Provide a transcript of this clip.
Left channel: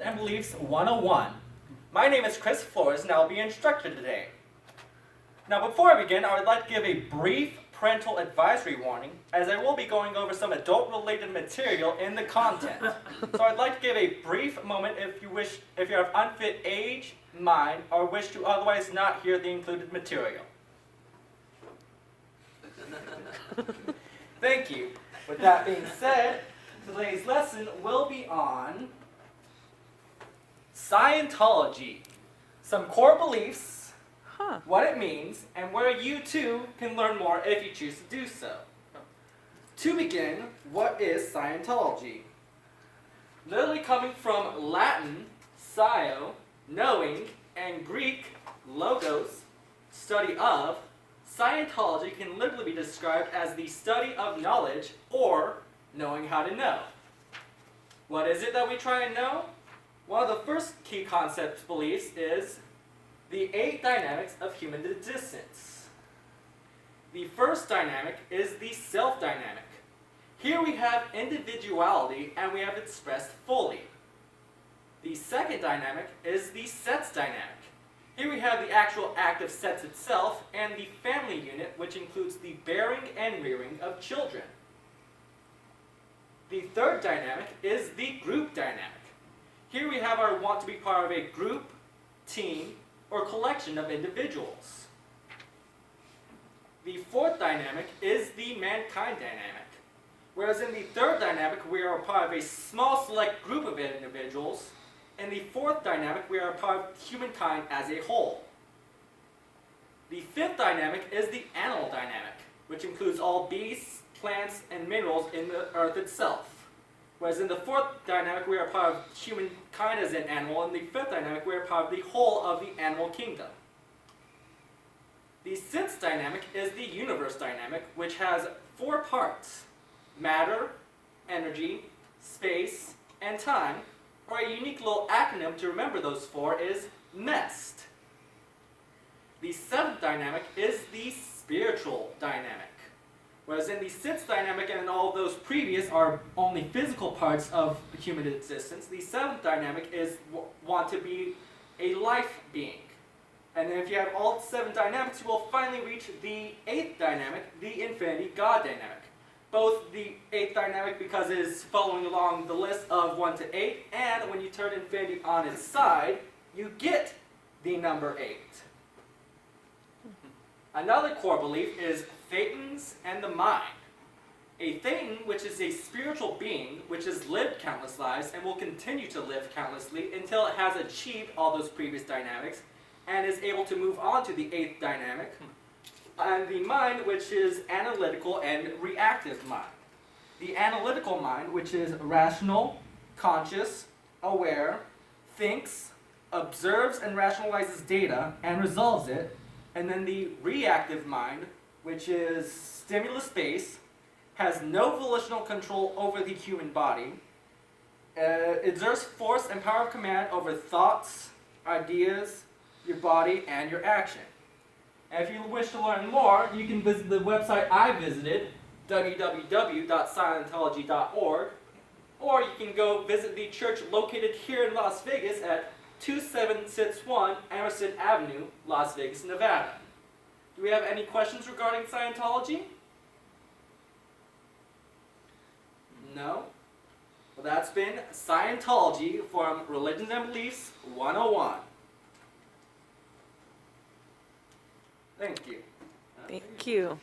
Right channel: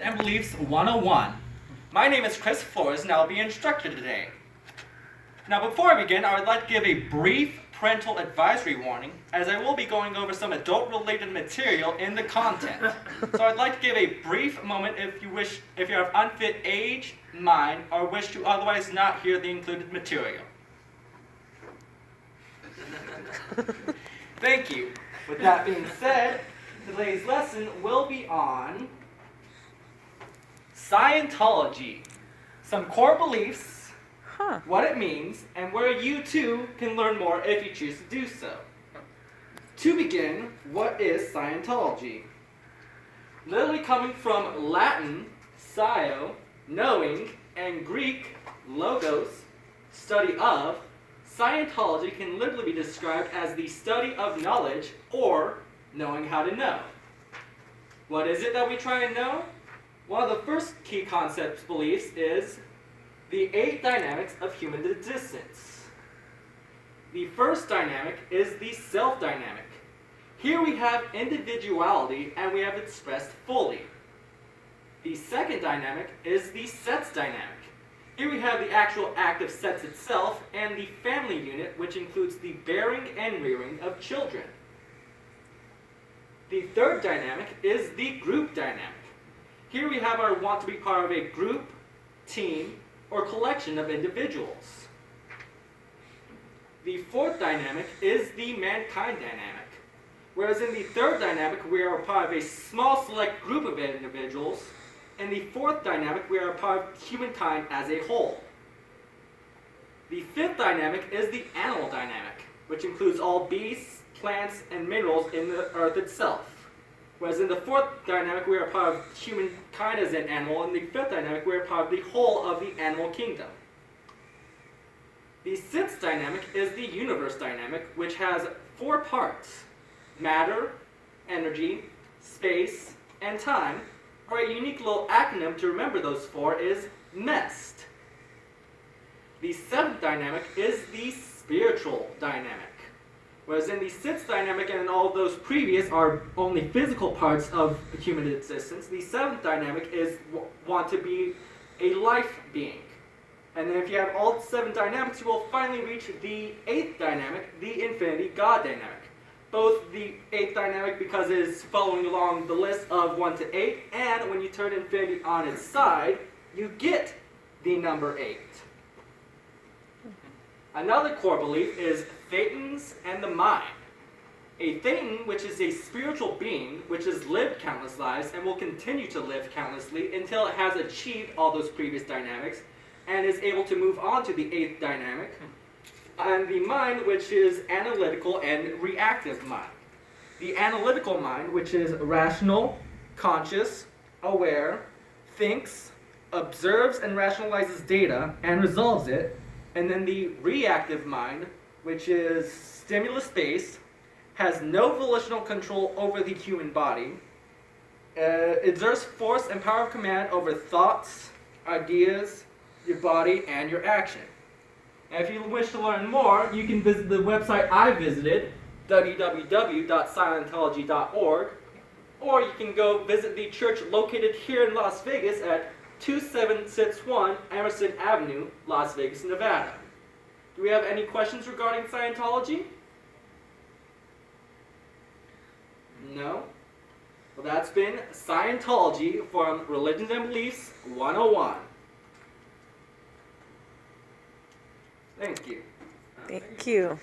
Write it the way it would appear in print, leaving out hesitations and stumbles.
and Beliefs 101. My name is Chris Flores and I'll be your instructor today. Now before I begin, I would like to give a brief parental advisory warning as I will be going over some adult-related material in the content. So I'd like to give a brief moment if you are of unfit age, mind, or wish to otherwise not hear the included material. Thank you. With that being said, today's lesson will be on Scientology, some core beliefs, what it means, and where you too can learn more if you choose to do so. To begin, what is Scientology? Literally coming from Latin, scio, knowing, and Greek, logos, study of, Scientology can literally be described as the study of knowledge or knowing how to know. What is it that we try and know? One of the first key concepts, beliefs, is the 8 dynamics of human existence. The first dynamic is the self-dynamic. Here we have individuality and we have it expressed fully. The second dynamic is the sets dynamic. Here we have the actual act of sex itself and the family unit, which includes the bearing and rearing of children. The third dynamic is the group dynamic. Here we have our want to be part of a group, team, or collection of individuals. The fourth dynamic is the mankind dynamic. Whereas in the third dynamic, we are a part of a small select group of individuals. In the fourth dynamic, we are a part of humankind as a whole. The fifth dynamic is the animal dynamic, which includes all beasts, plants, and minerals in the earth itself. Whereas in the fourth dynamic, we are part of humankind as an animal, and the fifth dynamic, we are part of the whole of the animal kingdom. The sixth dynamic is the universe dynamic, which has 4 parts: matter, energy, space, and time, or a unique little acronym to remember those 4 is MEST. The seventh dynamic is the spiritual dynamic. Whereas in the sixth dynamic and all of those previous are only physical parts of human existence, the seventh dynamic is want to be a life being. And then if you have all 7 dynamics, you will finally reach the 8th dynamic, the infinity God dynamic. Both the 8th dynamic because it is following along the list of 1 to 8, and when you turn infinity on its side, you get the number 8. Another core belief is Thetans and the mind. A Thetan, which is a spiritual being, which has lived countless lives and will continue to live countlessly until it has achieved all those previous dynamics and is able to move on to the 8th dynamic. And the mind, which is analytical and reactive mind. The analytical mind, which is rational, conscious, aware, thinks, observes and rationalizes data and resolves it. And then the reactive mind, which is stimulus-based, has no volitional control over the human body, exerts force and power of command over thoughts, ideas, your body, and your action. And if you wish to learn more, you can visit the website I visited, www.scientology.org, or you can go visit the church located here in Las Vegas at 2761 Emerson Avenue, Las Vegas, Nevada. Do we have any questions regarding Scientology? No? Well, that's been Scientology from Religions and Beliefs 101. Thank you. Thank you.